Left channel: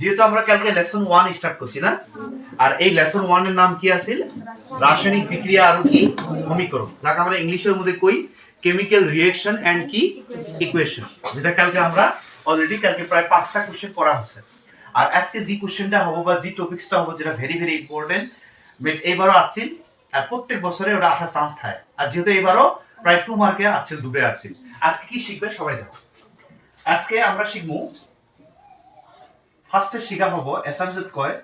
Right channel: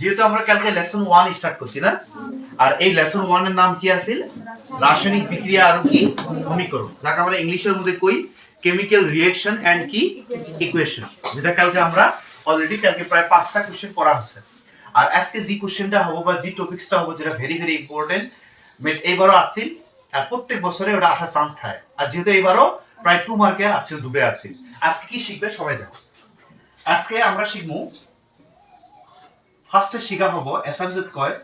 যেহেতু আমরা কালকে লেসন 1 স্টার্ট করছি না, আর এই লেসন 1 এর নাম কি আছিল? রাসায়নিক বিক্রিয়া আর কি সমীকরণ, যাকে আমরা ইংলিশের মধ্যে কই কেমিক্যাল রিঅ্যাকশন এন্ড কি ইকুয়েশন, যেটা কালকে আমরা অলরেডি কালকে প্রায় 5টা কোশ্চেন পড়া হচ্ছে। আর আজকে যে কোশ্চেনটা হবে বা যে টপিকসটা হবে যেটা ভেরি ভেরি ইম্পর্টেন্ট, বাট এইবারও আছিল আর প্রত্যেক বছরে ওটা আসার চান্স থাকে। আর যেহেতু এইবারও প্রায় 2 মার্কে আছিল, ডুবে আছিল। আজকে কি শিখবে সবাই দেখো। আজকে আমরা শিখবো, ফার্স্টে শিখা হবো এসামসেট কয়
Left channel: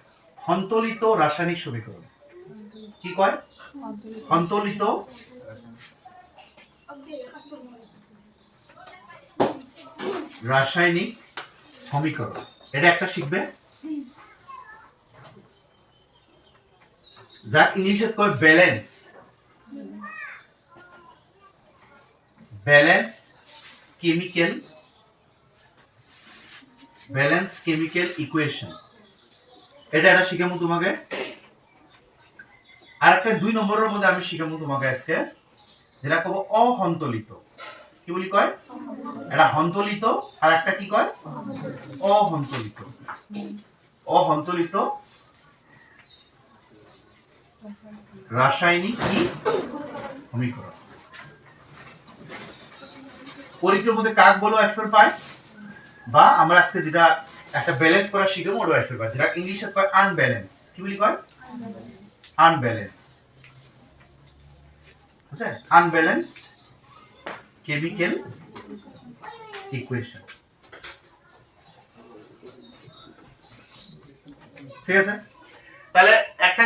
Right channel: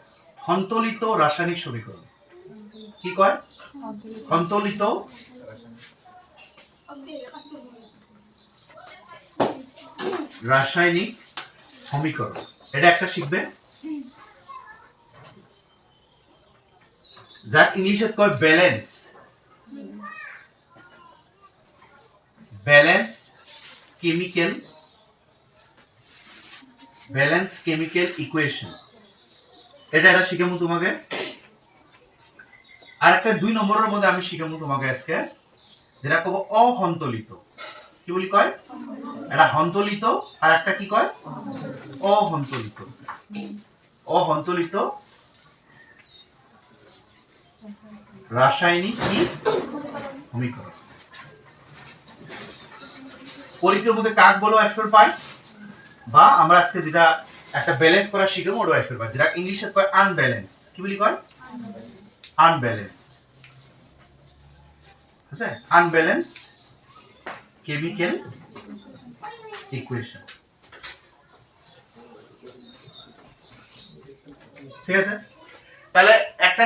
সন্তলিত রাসায়নিক সমীকরণ। কি কয়? সন্তলিত রাসায়নিক সমীকরণ, এটা একটা শিখবে, যা ইংলিশে কয় ব্যালেন্স কেমিক্যাল ইকুয়েশন, এটা শিখাবো তোমাকে। আর একটা 2 নম্বরের মধ্যে আমি শিখাবো তোমাকে আজকে, যেটা কব অসন্তলিত। কি বলি কয়? এটা সন্তলিত আর একটা কি কয়? অসন্তলিত রাসায়নিক কি সমীকরণ। পরীক্ষার মধ্যে কাক বলো এক্সপার্ট পাই, বা আমরা আজকে যেটা একটা ব্যালেন্স করা শিখবো ওটা এক্সপার্ট পাই, যেটা ইংলিশে কয় আনব্যালেন্স। কি বলি কয়? আনব্যালেন্স। আচ্ছা, আনব্যালেন্সড কেমিক্যাল ইকুয়েশন। ঠিক আছে, তাহলে একটা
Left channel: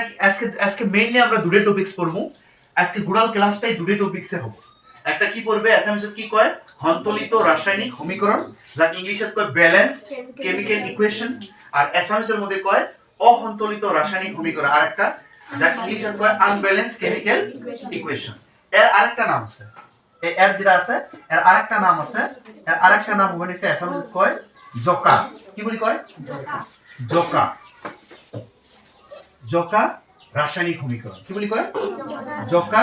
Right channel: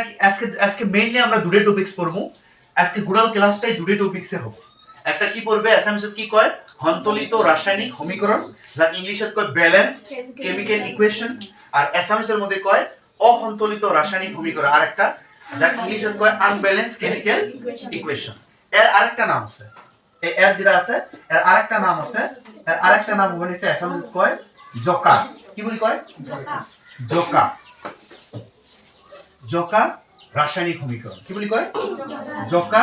আজকে মেইনলি আমরা দুটো টপিকস পড়বো। আজকে গোটাল ক্লাসটাই দুটো টপিকসে হবে। একটা কি পড়বে এসএমএস কি কয় সন্তলিত রাসায়নিক সমীকরণ, যা ইংলিশে কয় ব্যালেন্সড কেমিক্যাল ইকুয়েশন, আর এসএমএস এর মধ্যে কয় অসন্তলিত রাসায়নিক সমীকরণ, আর একটা যা ইংলিশে কয় আনব্যালেন্সড কেমিক্যাল ইকুয়েশন। এর আরেকটা নাম আছে, এই এর যেটা আছে এর আরেকটা নাম আছে, এর আরেকটা নাম হবে নিচে এসএমএস কয় জোকা। কি বলি কয়? জোকা রাসায়নিক সমীকরণ। কি বলি কয়? জোকা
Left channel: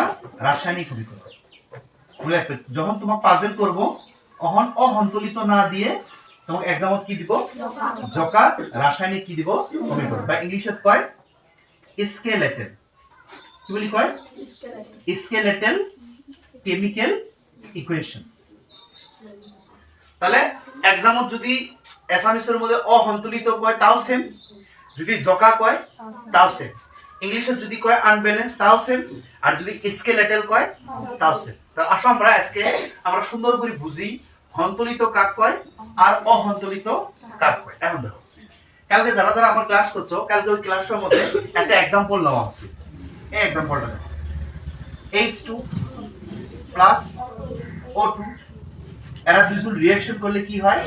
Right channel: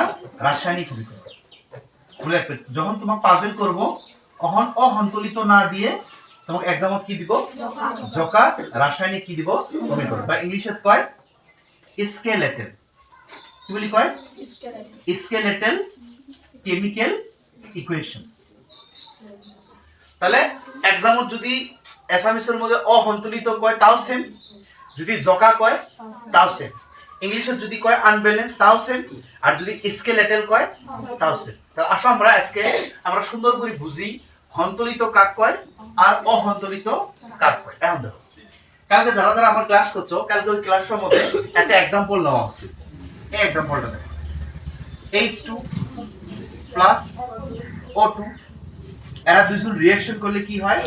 রাসায়নিক সমীকরণ। যখন তোমার পাজল করব তখন অসন্তলিত না দিয়ে তোমাকে এক্সামত কি দিব? জোকা রাসায়নিক কি দিব? সমীকরণ, বা ইংলিশে কয় স্কেলেটেল। কি বলি কয়? স্কেলেটেল কেমিক্যাল ইকুয়েশন। তাহলে এক্সামত যদি অ্যাসামিসের মধ্যে অসন্তুলিত কয় তাও সেম, যদি জোকা কয় তাও সেম, ইংলিশে যদি কয় আনব্যালেন্স তাও সেম, আর যদি স্কেলেটেল কয় তাও সেম। তাহলে আসো আমরা সুন্দর করে বুঝি সন্তুলিত কাক কয় আর অসন্তুলিত কাক কয়। এখন দেখো, কালকে যারা যারা আমার ক্লাস করছো, কালকে ওই ক্লাসের মধ্যে একটা एग्जांपल নেওয়া উচিত। এই एग्जांपलটা দেখো, H2 প্লাস O2, এরা দুইজন রিঅ্যাকশন করলে কি হয়?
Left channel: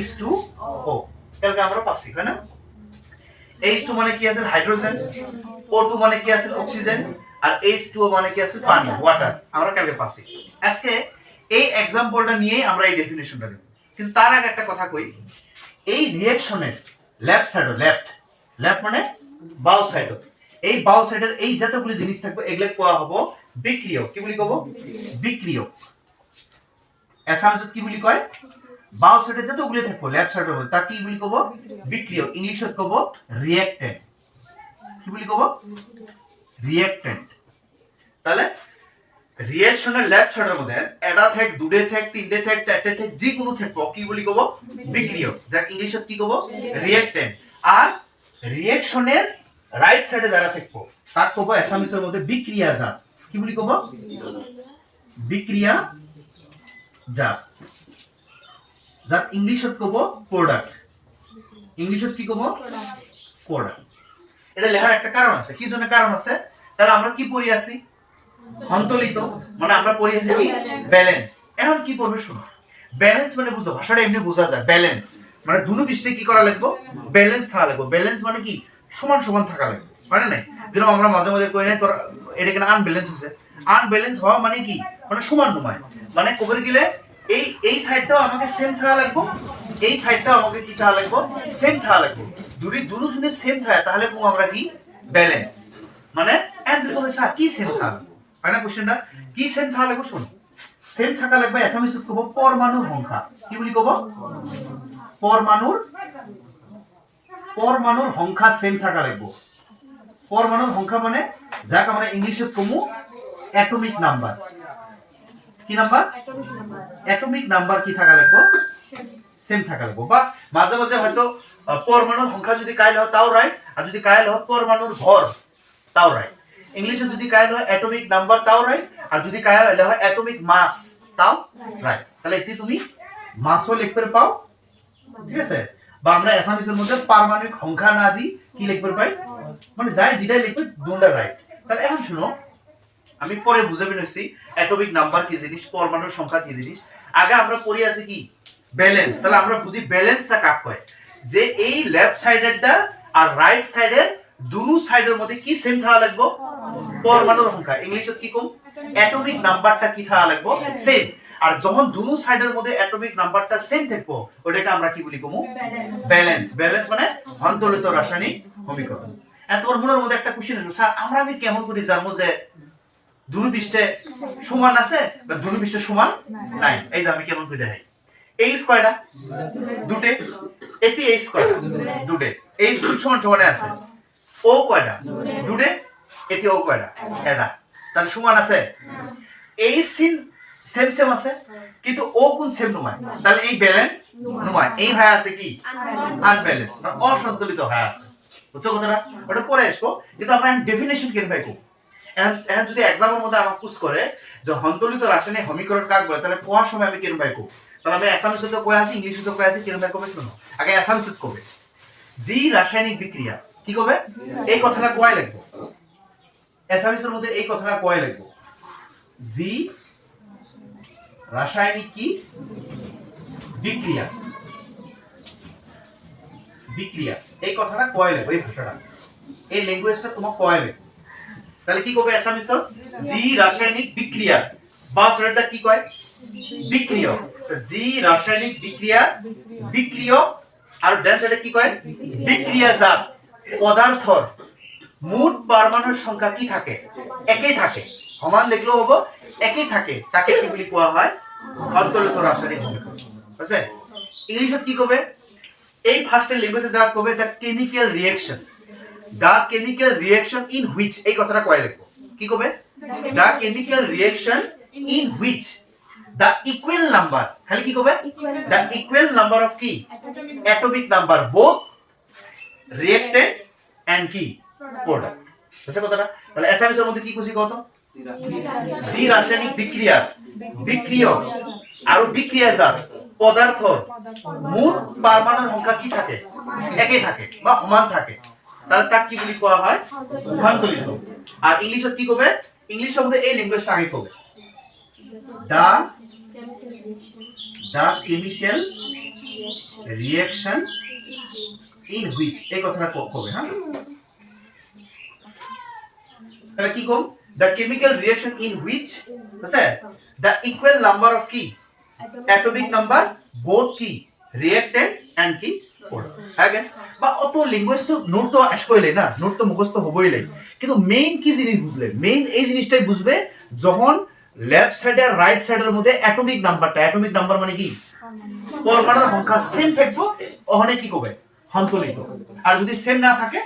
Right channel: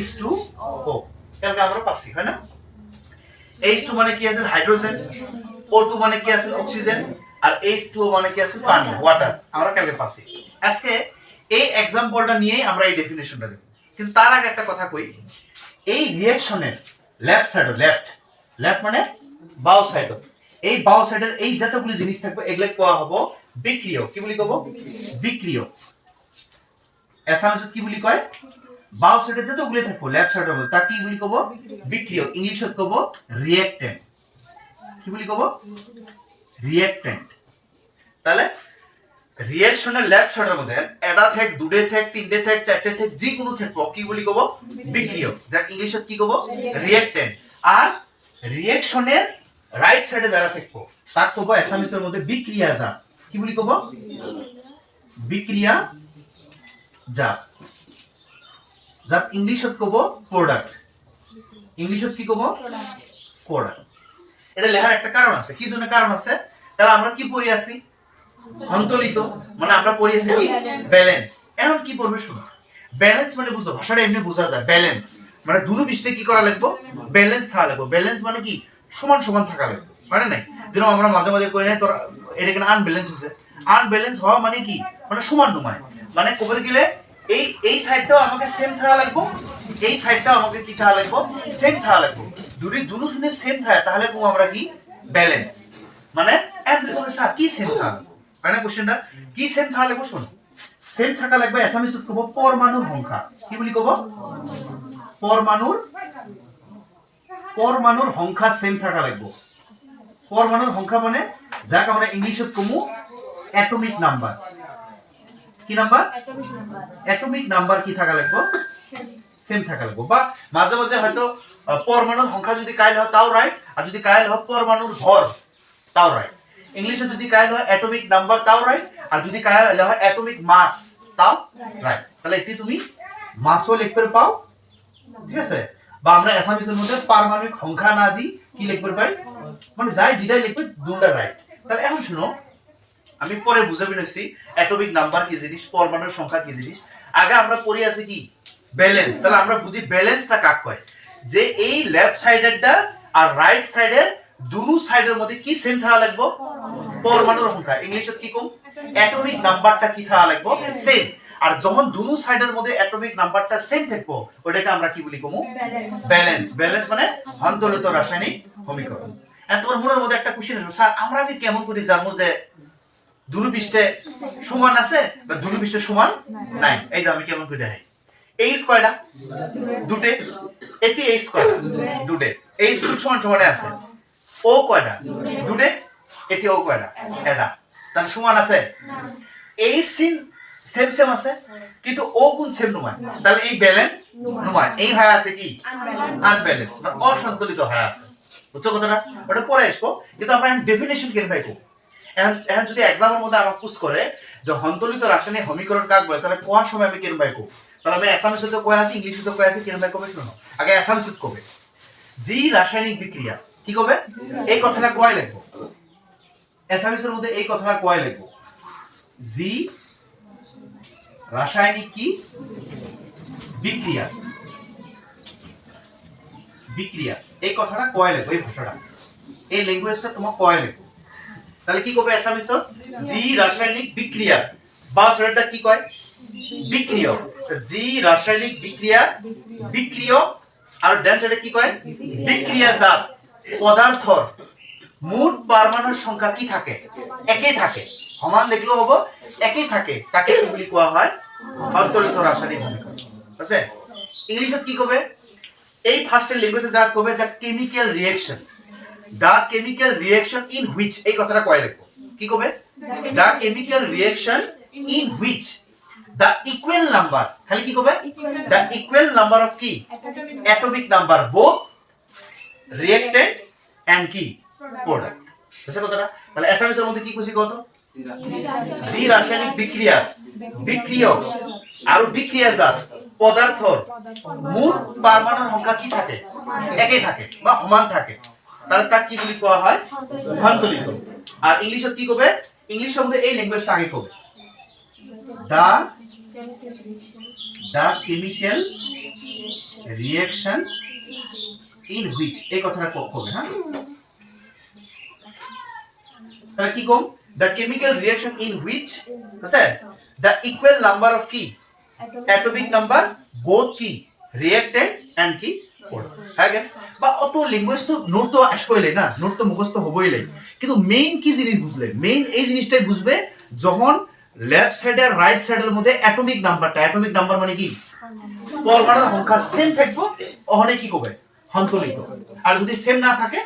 H2O। কালকে আমরা পাচ্ছি, হয় না? H2 মানে কি আছে? হাইড্রোজেন। O2 মানে কি আছে? অক্সিজেন। আর H2O মানে কি আছে? পানি, ওয়াটার। আমরা কালকে পাচ্ছি। আজকে এই एग्जांपलটা নিয়ে আমরা এই ডেফিনিশনটা দেব। কিন্তু তার আগে একটা কথা কই, এই রিঅ্যাকশনের লেফট সাইড, লেফট মানে বাও সাইড, এই বাও সাইডের এই যতগুলো জিনিস থাকবে এগুলা কোয়া হবো বিক্রিয়ক। কি বলি কব? বিক্রিয়ক। এসামসত কি বলি কয়? বাও সাইডে যতগুলো থাকবে লেফট সাইডের মধ্যে তা কি বলি কব? বিক্রিয়ক। ইংলিশত কব রিঅ্যাকট্যান্ট। কি বলি কব? রিঅ্যাকট্যান্ট। তাহলে রিঅ্যাকশনের লেফট সাইডের মধ্যে এটা থাক, দুটে থাক, তিনটে থাক, চারটে থাক, যে কোনো থাকবো কি বলি কব? বিক্রিয়ক, যা ইংলিশে কি কব? রিঅ্যাকট্যান্ট। আর রিঅ্যাকশনের রাইট সাইডে যারা থাকবো তার কব অ্যাসামিসের মধ্যে বিক্রিয়াজাত। কি বলি কব? বিক্রিয়াজাত, যা ইংলিশে কব প্রোডাক্ট। ইংলিশে কি কব? প্রোডাক্ট। এটা লেখার একটা কারণ আছে। কি জন্য কারণ আছে? তাহলে আমরা কি পড়ি আছি? সন্তুলিত, মানে আমরা পড়ি আছি কি? ব্যালেন্স। এখন কি পড়বে শুনো, ব্যালেন্স মানে বুঝো, ভাষাটা এমনি বোঝা যায়। ব্যালেন্স মানে দুটো পৃষ্ঠে কি করা লাগবে? ব্যালেন্স থাকা লাগবে। ব্যালেন্স মানে কি? সমান সমান থাকা লাগবে, মানে নাই যেন আমরা মাঝে মাঝে কই নাই তোর এটা কেন আনব্যালেন্স হচ্ছে। আনব্যালেন্স হওয়া মানে কি? মানে সমান নয়, মানে কবর গেলে এই সাইডটাও আমাকে সেম থাকা লাগবে, এই সাইডটাও আমাকে কি থাকা লাগবে? সেম থাকা লাগবে। যদি দুটো জনে সেম থাকে তাহলে কোন আমরা কি? ব্যালেন্স। মানে এমনি হবে স্যার কি সেম থাকা, হয় না? কোশ্চেনটা কি সেম থাকা লাগবে? শুনো, সেম থাকা লাগবে এসামিস কব পরমাণুর সংখ্যা। কি বলি কব? পরমাণুর পরমাণুর সংখ্যা সেম থাকা লাগবে পরমাণুর সংখ্যা মানে যাক আমরা ইংলিশে কমু অ্যাটমিক নাম্বার কি নাম্বার অ্যাটমিক নাম্বার কি থাকা লাগবে সেম থাকা লাগবে বা মাঝে মাঝে হয়তো পরমাণুর সংখ্যা যদি কাইল হয় তাও রাইট আর যদি কাইল হয় পরমাণুর ভর তাও রাইট ইংলিশে যদি কাইল হয় অ্যাটমিক নাম্বার তাও রাইট আর যদি কাইল হয় অ্যাটমিক মাস তাও রাইট তাহলে এটি তুমি মাসও লিখতে পাও ঠিক আছে বা আমরা অ্যাসামিসের মধ্যে পারমাণবিক সংখ্যা না দিই কি লিখতে পাই মানে যাই যেটাই লিখবে দুটা রাইট তাহলে এখন শুনো আমি পরে বুঝাবি নিছি অ্যাটমিক নাম্বার কি জিনিস পরমাণুর সংখ্যা কি জিনিস আগে আমরা পড়ি আছে কি ব্যালেন্স তাহলে আমরা বুঝি ব্যালেন্সটা কাক কয় যে এই লেফট সাইডেরটা আর রাইট সাইডের দুটো সাইডের মধ্যে কি সেম থাকা লাগবে পরমাণুর সংখ্যা ইংলিশে কি কম অ্যাটমিক নাম্বারটা কি থাকা লাগবে সেম আর যখন দুটো সাইডের মধ্যে অ্যাটমিক নাম্বারটা সেম থাকবো ওটাকে আমরা কি বলি কমু ব্যালেন্স ব্যালেন্স মানে অন্তর্লিত রাসায়নিক সমীকরণ তোমার মনের মধ্যে একটা কোশ্চেন হলো স্যার আমরা আমি কেমন করে জানবো যে দুটো পৃষ্ঠে সমান আছে বা দুটো পৃষ্ঠে সমান নাই এই যে আমি কেমন করে দেখাই এই স্কয়ারটা দুটে এটি এই স্কয়ারটা দুটে এই দুটো সমান সমানে আছে ও কয়টা দুটে এটি ও কয়টা এটা তাহলে সমান আছে এই সিন সেম সেম আছে কিন্তু ও কোন সেম নয় তাহলে এই ব্যালেন্স নয় এই হয় আছে কি আনব্যালেন্স মানে অসন্তুলিত হয় আছে বুঝছো কথাটা ওটা পরে আসবো কিন্তু আমরা ডেফিনিশন কেন পাই কো এখন যদি এক্সামের মধ্যে আমাকে পুশ করে যে সন্তুলিত রাসায়নিক সমীকরণ কাক বলে তাহলে কোয়ার সময় আমি কেন পাই কো তাহলে আমি অ্যাসামিসে তো কই আছে ইংলিশে তো কই আছে কেন পাই কবে শুনো আগে অ্যাসামিসে কবে জি রাসায়নিক বিক্রিয়া কি কবে এই কথাটা কয় লিখবো অ্যাসামিসের মধ্যে এই কথাটা কয় লিখবো জি রাসায়নিক কি বিক্রিয়া বিক্রিয়া এই কথাটা কয় লিখবো এই ভাষাটা এই ল্যাঙ্গুয়েজটা তোমার কয় লিখবো তাহলে কি কবে অ্যাসামিসে জি রাসায়নিক বিক্রিয়া বা সেটা কি কয় বিক্রিয়ক জি রাসায়নিক বিক্রিয়া বিক্রিয়ক আর ডান সাইডে কি কয় বিক্রিয়াজাত পদার্থর মোট পরমাণুর সংখ্যা কি থাকে একই থাকে সমান দেখলেও হবে একই থাকে তাকে কি বলি কোয়া হয় অন্তর্লিত রাসায়নিক সমীকরণ আছে ইংলিশে কি কবে এই ফার্স্টের ল্যাঙ্গুয়েজে যা কবে the chemical reaction in which এই কথাটা কয় লিখবো কি কবে the chemical reaction in which the equal number খালি কি কবে the equal number of কি atomic number both reactant and কি product বুঝছো কথাটা তাহলে অ্যাসামিসের মধ্যে কি খুশি কত জি রাসায়নিক বিক্রিয়া বিক্রিয়ক আর বিক্রিয়াজাত পদার্থর মোট পরমাণুর সংখ্যা কি থাকে একই থাকে বা সমান থাকে তাহলে তা কি বলি কোয়া হয় সন্তুলিত আর ইংলিশে কি কবে ইংলিশের মধ্যে এই ল্যাঙ্গুয়েজটা আগে কবে the chemical reaction in which এই কথাটা কবে হ্যাঁ তাহলে কি কম the chemical reaction in which আছে the equal number of কি atomic number both কি reactant and কি product again বা অত ল্যাঙ্গুয়েজ তো নোট তো আসবেই না নোট তো মুখস্থ হবেই লাই কিন্তু মেইন কি জিনিস বুঝলে মেইন এই জিনিসটাই বুঝবে যখন লেফট সাইড আর রাইট সাইডের মধ্যে অ্যাটমিক নাম্বার মানে কি পরমাণুর সংখ্যা সেম থাকবে ওখানে কি কবে সন্তুলিত আর যদি সেম না থাকে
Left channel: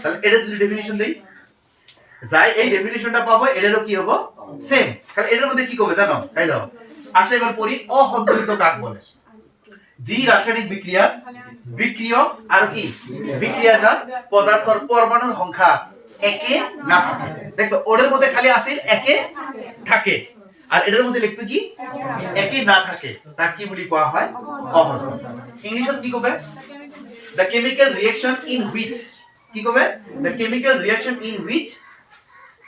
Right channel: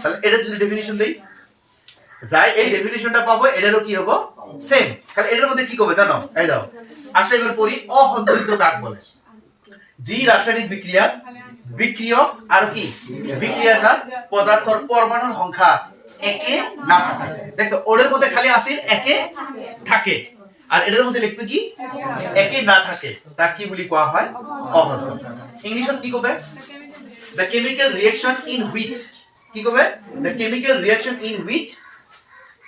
তাহলে এটা যদি ডেফিনিশন দেই যাই এই ডেফিনিশনটা পাবো এটারও কি হবে সেম তাহলে এটার মধ্যে কি কবে জানো এই দাও আসলে এবার পড়ি অসন্তুলিত কাক বলে জি রাসায়নিক বিক্রিয়া বিক্রিয়ক আর কি বিক্রিয়াজাত পদার্থের পরমাণুর সংখ্যা একে না থাকে দেখছো ওদের মধ্যে খালি আসিল একে থাকে আর এটার মধ্যে লিখবে কি একে না থাকে তা কি বলি কোয়া হয় অসন্তুলিত ইংলিশে কি কবে the chemical reaction in which কি কবে the chemical reaction in which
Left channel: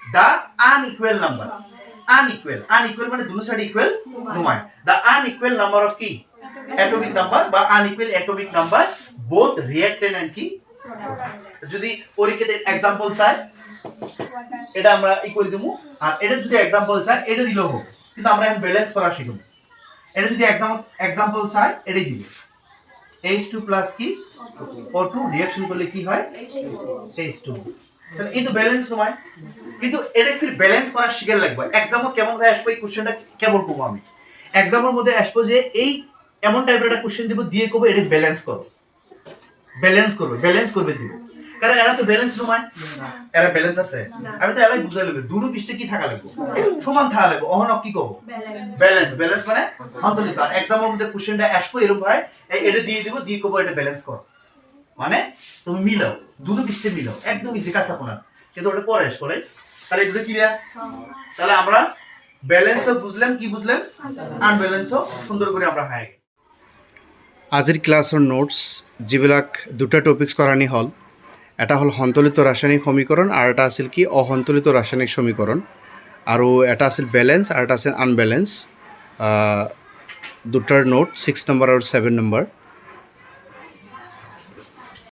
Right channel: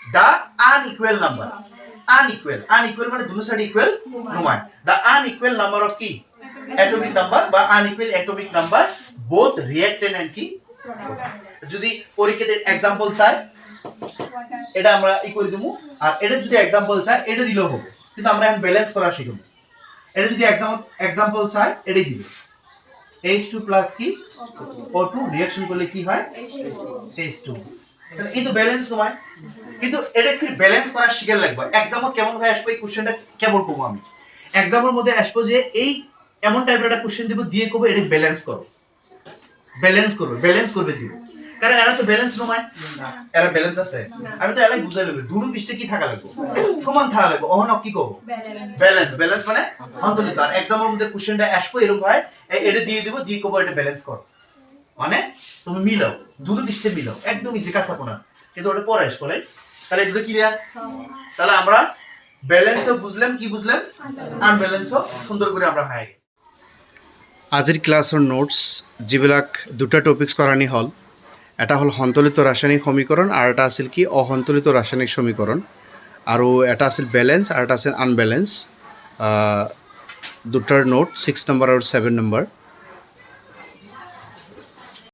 the unequal number unequal মানে দুটো সাইড ইকুয়াল নয় the unequal number of কি atomic number বা unequal atomic number both reactant and কি যদি পরীক্ষাতে एग्जांपल চাই এটা আমরা ইকুয়াল দিমু আর এটা যদি एग्जांपल চাই এটা দিলেও হবে কিন্তু আমরা এখন ব্যালেন্স করা শিখব এটা যদি एग्जांपल চাই এটাই দিবে H2 প্লাস কি O2 রিঅ্যাকশন করলে কি হয় H2 তাহলে এই তো ব্যালেন্স নয় কিন্তু এটা ফির ব্যালেন্স করা শিখে লাগবে एग्जांपल কেমন ভাবে আসবে এই কোশ্চেনটা কেমন করব আমি एग्जांपल মধ্যে আসবে যে এই এমন টাইপের একটা কোশ্চেন দিব দিয়ে কবে এটা ব্যালেন্স করো ব্যালেন্স করবে দিব কারণ এরা তো ব্যালেন্স নয় এরা ব্যালেন্স আছে আমি তো এলাই বুঝাই লইব দুনো পৃষ্ঠে কি থাকা লাগবে সমান থাকা লাগবে অহন কি কব ব্যালেন্স মানে সন্তুলিত আর एग्जामের মধ্যে কোশ্চেনটা আসবে এরকম ভাই এটা দিয়ে দিব দিয়ে কব এটা ব্যালেন্স কর মানে তুমি মিলাও দুটো পৃষ্ঠে মিলাও একদম ইজি কাজ আপনার কিন্তু ওটা পরে আসবে রাইট তাহলে এগুলো ক্লিয়ার তাহলে আমরা ব্যালেন্সও বুঝলাম কি বুঝলাম আনব্যালেন্সও সুন্দর করে আমরা হাই আজিৰ ক্লাছৰ নোটস যিবিলাক দুটা টপিকস কৰানি হ'ল এটা হ'ল সন্তুলিত ৰাসায়নিক সমীকৰণ আৰু এটা আছিল কি অসন্তুলিত ৰাসায়নিক সমীকৰণ আৰু এটা আছিল ব্যালেন্স আৰু এটা আছিল আনব্যালেন্স দুটাৰ নোট 6 নম্বৰ আৰু 7 নম্বৰ